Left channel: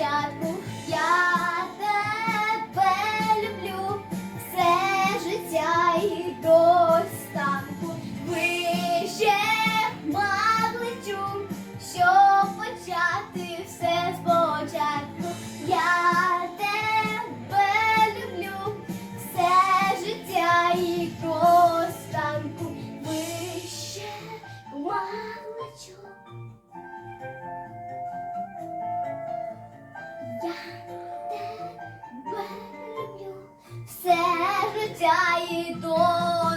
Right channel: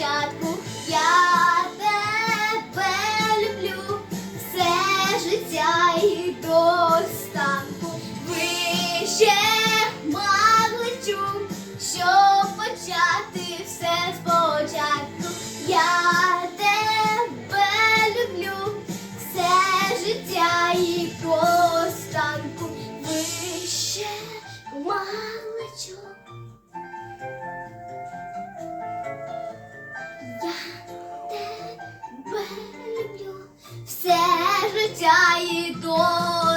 спочатку. Я тебе люблю все життя і до останку. Вище магличу, щоб почати все спочатку. Я тебе люблю все життя і до останку. Вище магличу. 是加一朵。